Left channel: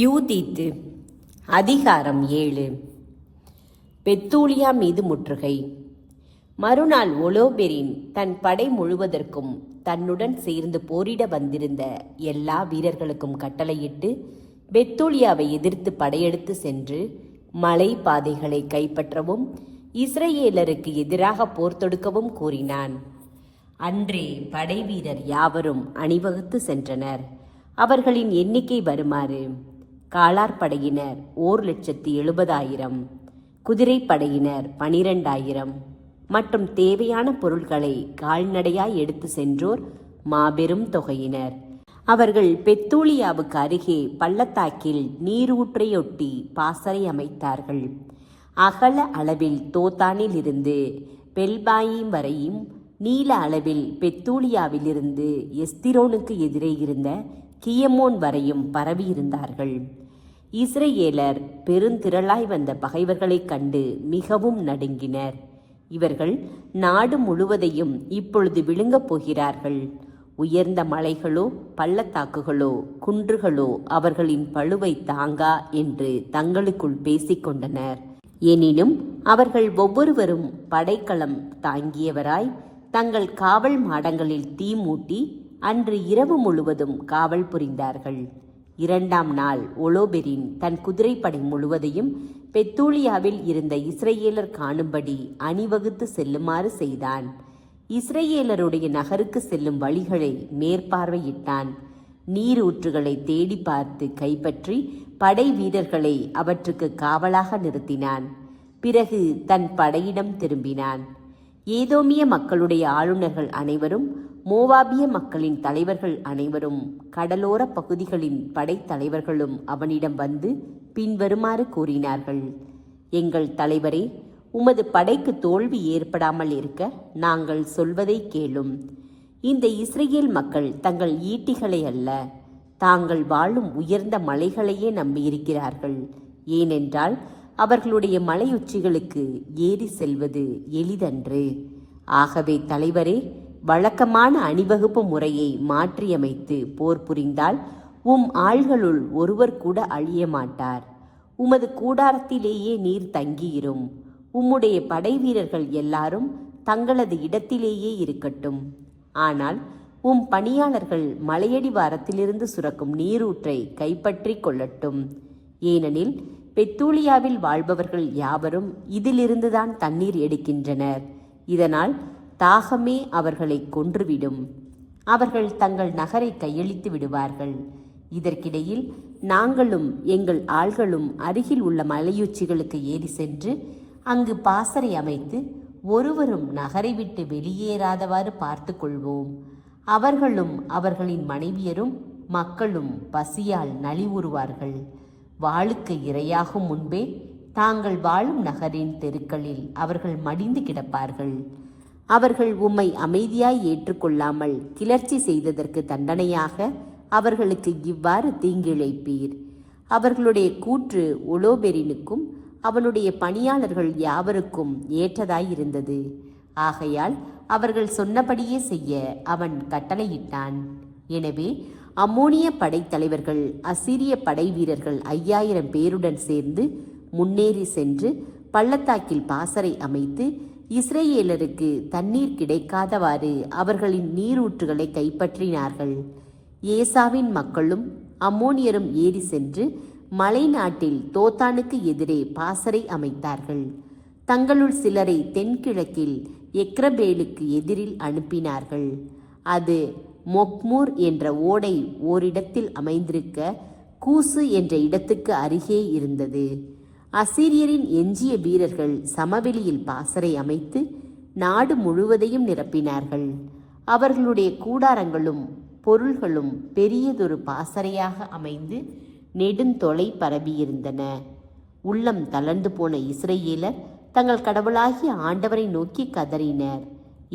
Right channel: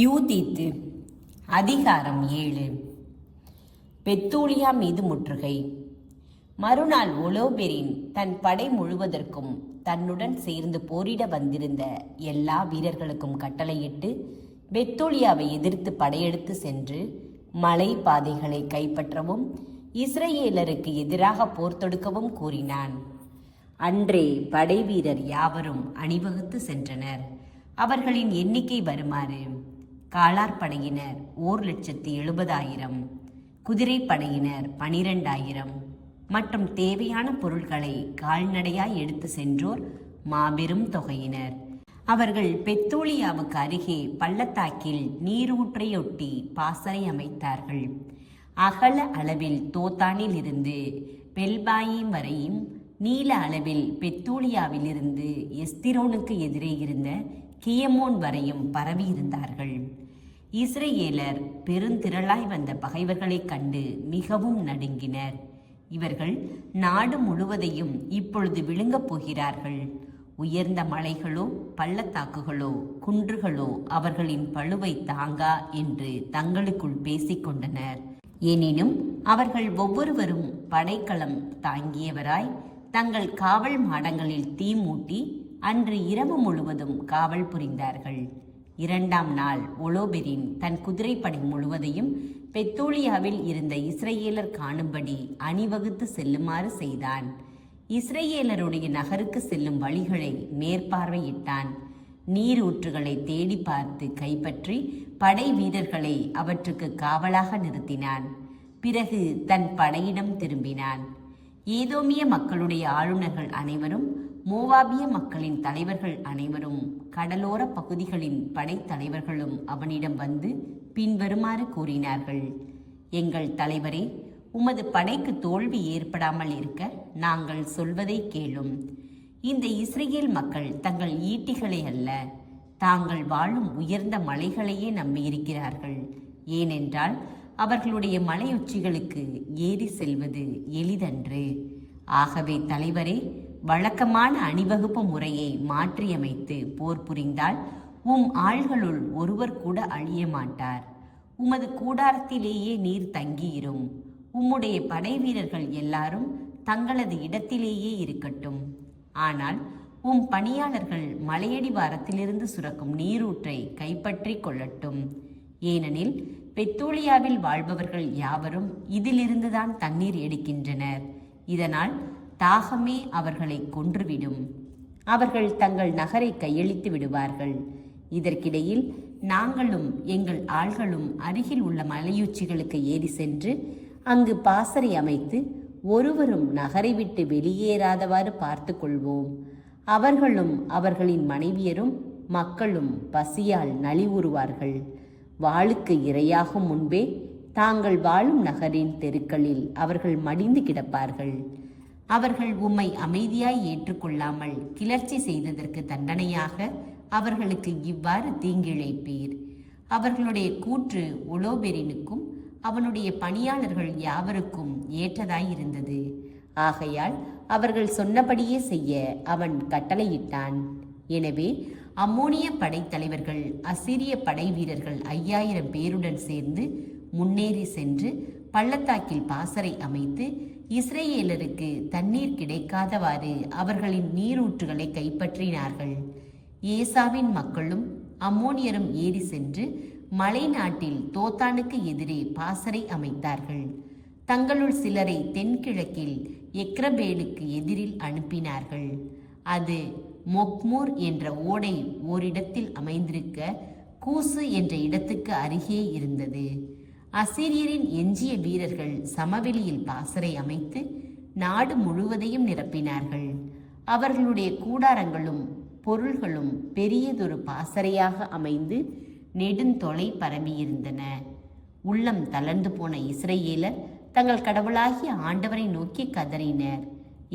யூதித்து அதிகாரம் 7. பெத்தூலியா மீது முற்றுகை. மறுநாள் ஒலோபெரின் தன் படை முழுவதற்கும் தன்னுடன் சேர்ந்து போரிட வந்திருந்த எல்லா வீரர்களுக்கும் கட்டளையிட்டு பெத்தூலியாவை எதிர்த்து படையெடுத்து சென்று மலை பாதைகளை கைப்பற்றவும் இஸ்ரவேலருக்கு எதிராக போர் தொடுக்கவும் கூறினான். அன்றே படை வீரர் யாவரும் அணிவகுத்து சென்றனர். அவர்களின் எண்ணிக்கை வருமாறு: காலார்படையினர் 1,70,000, குதிரைப்படையினர் 12,000 மற்றும் தேவையான பொருட்களை கால்நடையாய் எடுத்து சென்றோர் மாபெரும் தொகையினர். அவர்கள் பெத்தூலியாவுக்கு அருகே பள்ளத்தாக்கில் நீரூற்றையொட்டி பாசறை அமைத்தார்கள். அகல அளவில் தோத்தானில் இருந்து பெல்பாயிம் வரையும், நீல அளவில் பெத்தூலியாவிலிருந்து எஸ்திரோனுக்கு எதிரே இருந்த கியமோன் வரையும் பரவியிருந்தார்கள். இஸ்ரவேலர் பெருந்திரளாய் வந்த பகைவர்களைக் கண்டு மிகவும் நடுங்கினர். இவர்கள் நாடு முழுவதையும் இப்பொழுது விழுங்கப் போகிறார்கள். உயர்ந்த மலைகளோ பள்ளத்தாக்குகளோ குன்றுகளோ அவர்களின் பளுவை தாங்கா என்று தங்களுக்குள் பேசிக்கொண்டனர். எனினும் அவர்கள் ஒவ்வொருவரும் படைக்கலம் தாங்கியவராய் தங்கள் காவல் மாடங்களில் தீ மூட்டி அன்று இரவு முழுவதும் காவல் புரிந்தார்கள். 2ஆம் நாள் ஒலோபெரின் தன் குதிரைப்படை முழுவதையும் பெத்தூலியாவில் இருந்த இஸ்ரவேலர் காணும்படி அணிவகுத்து செல்லுமாறு செய்தான். இஸ்ரவேலருடைய நகருக்கு செல்லும் வழிகளை மேற்பார்வையிட்டான். நீரூற்றுகளை தேடி பார்த்து கைப்பற்றி படை வீரர்களை அவற்றுக்கு காவலாக நிறுத்தினான். பிறகு தன் படையிடம் திரும்பினான். ஏதோமிய மக்களுடைய ஆளுநர்கள் அனைவரும், மோவாபிய மக்களின் தலைவர்கள் அனைவரும், கடலோர பகுதிகளின் படைத்தலைவர்களும் அவனிடம் வந்து பின்வருமாறு கூறினார்கள்: எங்கள் தலைவரே, உமது படைக்கு தோல்வி ஏற்படாமல் இருக்க நாங்கள் சொல்வதை கேளும். இந்த இஸ்ரவேல் மக்கள் தங்கள் ஈட்டிகளை அல்ல, தாங்கள் வாழும் உயர்ந்த மலைகளையே நம்பியிருக்கிறார்கள். ஏனென்றால் அவர்களுடைய மலையுச்சிகளுக்கு ஏறி செல்வது எளிதன்று. ஆகவே தலைவரே, வழக்கமான அணிவகுப்பு முறையை மாற்றியமைத்து போர் புரிந்தால் உம் ஆள்களுள் ஒருவர் கூட அழிய மாட்டார். உமது கூடாரத்திலேயே நீர் தங்கியிரும். உம்முடைய படை வீரர்கள் எல்லாரும் தங்களது இடத்திலேயே இருக்கட்டும். ஆனால் உம் பணியாளர்கள் மலையடிவாரத்திலிருந்து சுரக்கும் நீரூற்றை கைப்பற்றி கொள்ளட்டும். ஏனெனில் பெத்தூலியாவில் வாழ்பவர்கள் யாவரும் இதிலிருந்துதான் தண்ணீர் எடுக்கின்றனர். இதனால் தாகமே அவர்களை கொன்றுவிடும். அவர்கள் தங்கள் நகரை கையளித்து விடுவார்கள். இதற்கிடையில் நாங்களும் எங்கள் ஆள்களும் அருகில் உள்ள மலையுச்சிகளுக்கு ஏறி சென்று அங்கு பாசறை அமைத்து ஒருவரும் நகரை விட்டு வெளியேறாதவாறு பார்த்து கொள்வோம். அவர்களும் அவர்களின் மனைவியரும் மக்களும் பசியால் நலிவுறுவார்கள். வாளுக்கு இரையாகும் முன்பே தாங்கள் வாழும் நகரின் தெருக்களில் அவர்கள் மடிந்து கிடப்பார்கள். அவர்கள் உம்மை அமைதியாய் ஏற்றுக்கொள்ளாமல் கிளர்ச்சி செய்ததற்கு தண்டனையாக அவர்களுக்கு இவ்வாறு தீங்கிழைப்பீர். அவர்களுடைய கூற்று ஒலோபெரினுக்கும் அவனுடைய பணியாளர்கள் யாவருக்கும் ஏற்றதாயிருந்தது. ஆகையால் அவர்கள் சொன்னபடியே செய்ய அவன் கட்டளையிட்டான். எனவே அம்மோனிய படைத்தலைவர்கள் அசீரிய படை வீரர்கள் 5000 பேருடன் சேர்ந்து முன்னேறி சென்று பள்ளத்தாக்கில் பாசறை அமைத்து இஸ்ரவேலருக்கு தண்ணீர் கிடைக்காதவாறு அவர்களின் நீரூற்றுகளை கைப்பற்றினார்கள். ஏசாவின் மக்களும் அம்மோனியரும் ஏறி சென்று மலை நாட்டில் தோத்தானுக்கு எதிரே பாசறை அமைத்தார்கள். தங்களுள் சிலரை தென்கிழக்கில் எக்ரபேலுக்கு எதிரில் அனுப்பினார்கள். அது மொக்மூர் என்ற ஓடை ஓரிடத்தில் அமைந்திருக்க கூசு என்ற இடத்துக்கு அருகே இருந்தது. அசீரியரின் எஞ்சிய வீரர்கள் சமவெளியில் பாசறை அமைத்து நாடு முழுவதையும் நிரப்பினார்கள். அவர்களுடைய கூடாரங்களும் பொருள்களும் பெரியதொரு பாசறையாக அமைந்து நெடுந்தொலை பரவியிருந்தன. உள்ளம் தளர்ந்து போன இஸ்ரவேலர் தங்கள் கடவுளாகிய ஆண்டவரை நோக்கி கதறினர்.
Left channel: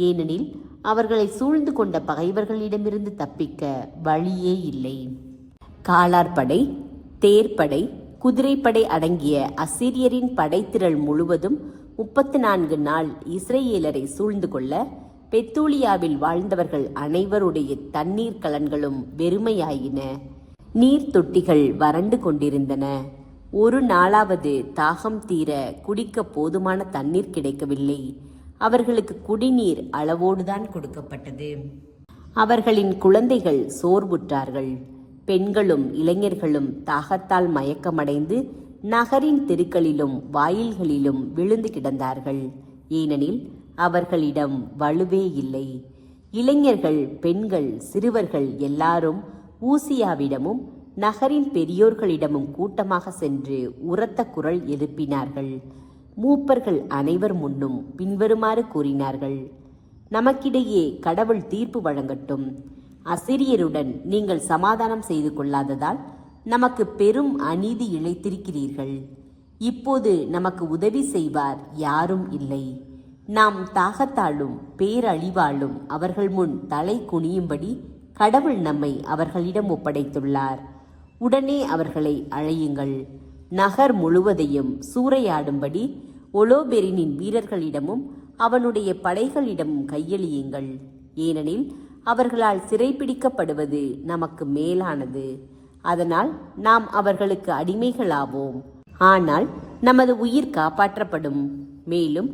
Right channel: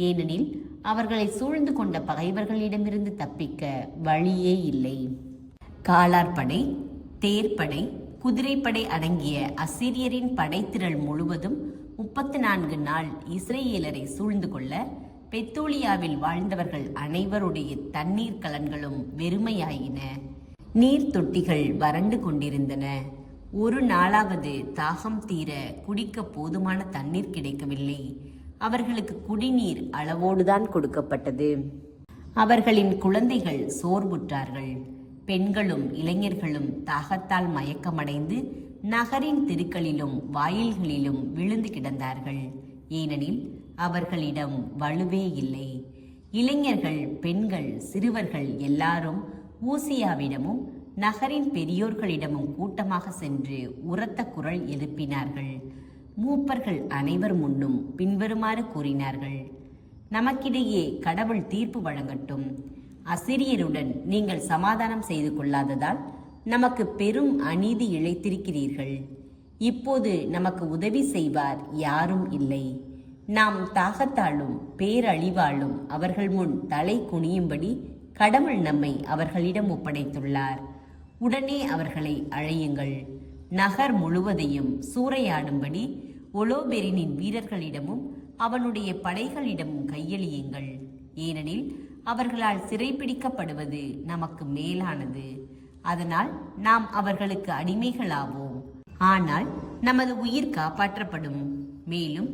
ஏனெனில் அவர்களை சூழ்ந்து கொண்ட பகைவர்களிடமிருந்து தப்பிக்க வழியே இல்லை. காலார்படை, தேர்ப்படை, குதிரைப்படை அடங்கிய அசீரியரின் படைத்திரள் முழுவதும் 34 நாள் இஸ்ரவேலரை சூழ்ந்து கொள்ள பெத்தூலியாவில் வாழ்ந்தவர்கள் அனைவருடைய தண்ணீர் கலன்களும் வெறுமையாயின. நீர் தொட்டிகள் வறண்டு கொண்டிருந்தன. ஒரு நாளாவது தாகம் தீர குடிக்க போதுமான தண்ணீர் கிடைக்கவில்லை. அவர்களுக்கு குடிநீர் அளவோடுதான் கொடுக்கப்பட்டது. அவர்களின் குழந்தைகள் சோர்வுற்றார்கள். பெண்களும் இளைஞர்களும் தாகத்தால் மயக்கமடைந்து நகரின் தெருக்களிலும் வாயில்களிலும் விழுந்து கிடந்தார்கள். ஏனெனில் அவர்களிடம் வலுவே இல்லை. இளைஞர்கள், பெண்கள், சிறுவர்கள் எல்லாரும் ஊசியாவிடமும் நகரின் பெரியோர்களிடமும் கூட்டமாக சென்று உரத்த குரல் எழுப்பினார்கள். மூப்பர்கள் அனைவர் முன்னும் பின்வருமாறு கூறினார்கள்: நமக்கிடையே கடவுள் தீர்ப்பு வழங்கட்டும். அசிரியருடன் நீங்கள் சமாதானம் செய்து கொள்ளாததால் நமக்கு பெரும் அநீதி இழைத்திருக்கிறீர்கள். இப்போது நமக்கு உதவி செய்வார் யாரும் இல்லை. நாம் தாகத்தாலும் பேரழிவாலும் அவர்கள் முன் தலை குனியும்படி கடவுள் நம்மை அவர்களிடம் ஒப்படைத்துள்ளார். உடனே அவர்களை அழையுங்கள். நகர் முழுவதையும் சூறையாடும்படி ஒலோபெரினின் வீரர்களிடமும் அவனுடைய படைகளிடமும் கையெழியுங்கள். ஏனெனில் அவர்களால் சிறைப்பிடிக்கப்படுவது நமக்கு மேலானது. அதனால் நாம் அவர்களுக்கு அடிமைகளாவோம். ஆனால் நமது உயிர் காப்பாற்றப்படும். மேலும்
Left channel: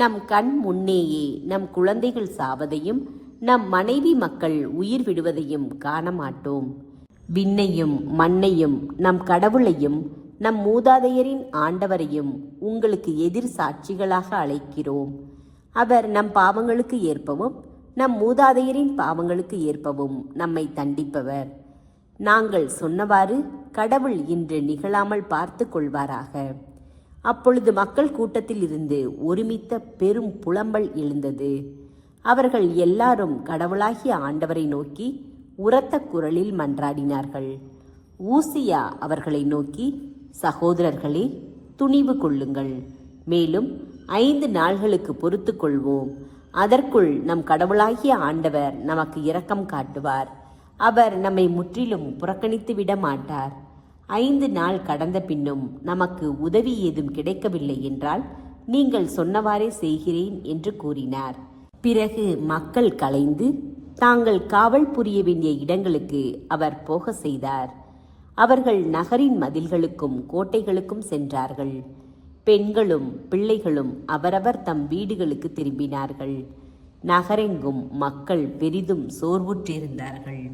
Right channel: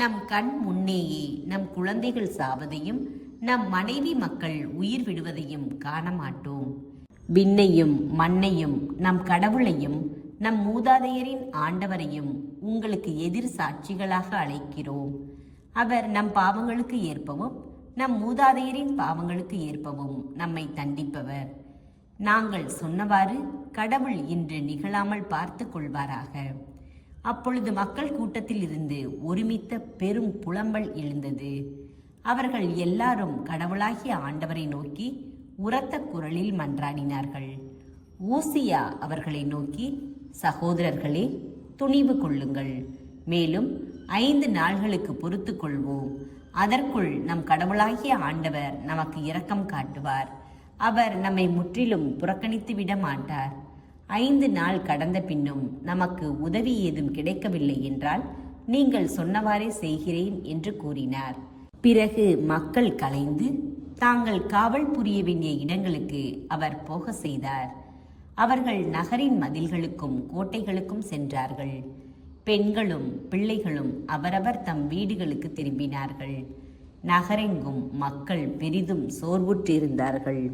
நம் கண் முன்னேயே நம் குழந்தைகள் சாவதையும் நம் மனைவி மக்கள் உயிர் விடுவதையும் காண மாட்டோம். விண்ணையும் மண்ணையும் நம் கடவுளையும் நம் மூதாதையரின் ஆண்டவரையும் உங்களுக்கு எதிர் சாட்சிகளாக அழைக்கிறோம். அவர் நம் பாவங்களுக்கு ஏற்பவும் நம் மூதாதையரின் பாவங்களுக்கு ஏற்பவும் நம்மை தண்டிப்பவர். நாங்கள் சொன்னவாறு கடவுள் இன்று நிகழாமல் பார்த்து கொள்வாராக. அப்பொழுது மக்கள் கூட்டத்தில் இருந்து ஒருமித்த பெரும் புலம்பல் எழுந்தது. அவர்கள் எல்லாரும் கடவுளாகிய ஆண்டவரை நோக்கி உரத்த குரலில் மன்றாடினார்கள். ஊசியா அவர்களை நோக்கி, சகோதரர்களே, துணிவு கொள்ளுங்கள். மேலும் 5 நாள்களுக்கு பொறுத்து கொள்வோம். அதற்குள் நம் கடவுளாகிய ஆண்டவர் நமக்கு இரக்கம் காட்டுவார். அவர் நம்மை முற்றிலும் புறக்கணித்து விட மாட்டார். 5 நாள் கடந்த பின்னும் நமக்கு உதவி ஏதும் கிடைக்கவில்லை என்றால் நீங்கள் சொன்னவாறே செய்கிறேன் என்று கூறினார். பிறகு மக்கள் கலைந்து தாங்கள் காவல் புரிய வேண்டிய இடங்களுக்கு அவர் போக செய்தார். அவர்கள் நகரின் மதில்களுக்கும் கோட்டைகளுக்கும் சென்றார்கள். பெண்களும் பிள்ளைகளும் அவரவர் தம் வீடுகளுக்கு திரும்பினார்கள். நகரெங்கும் மக்கள் பெரிதும் சோர்வுற்றிருந்தார்கள்.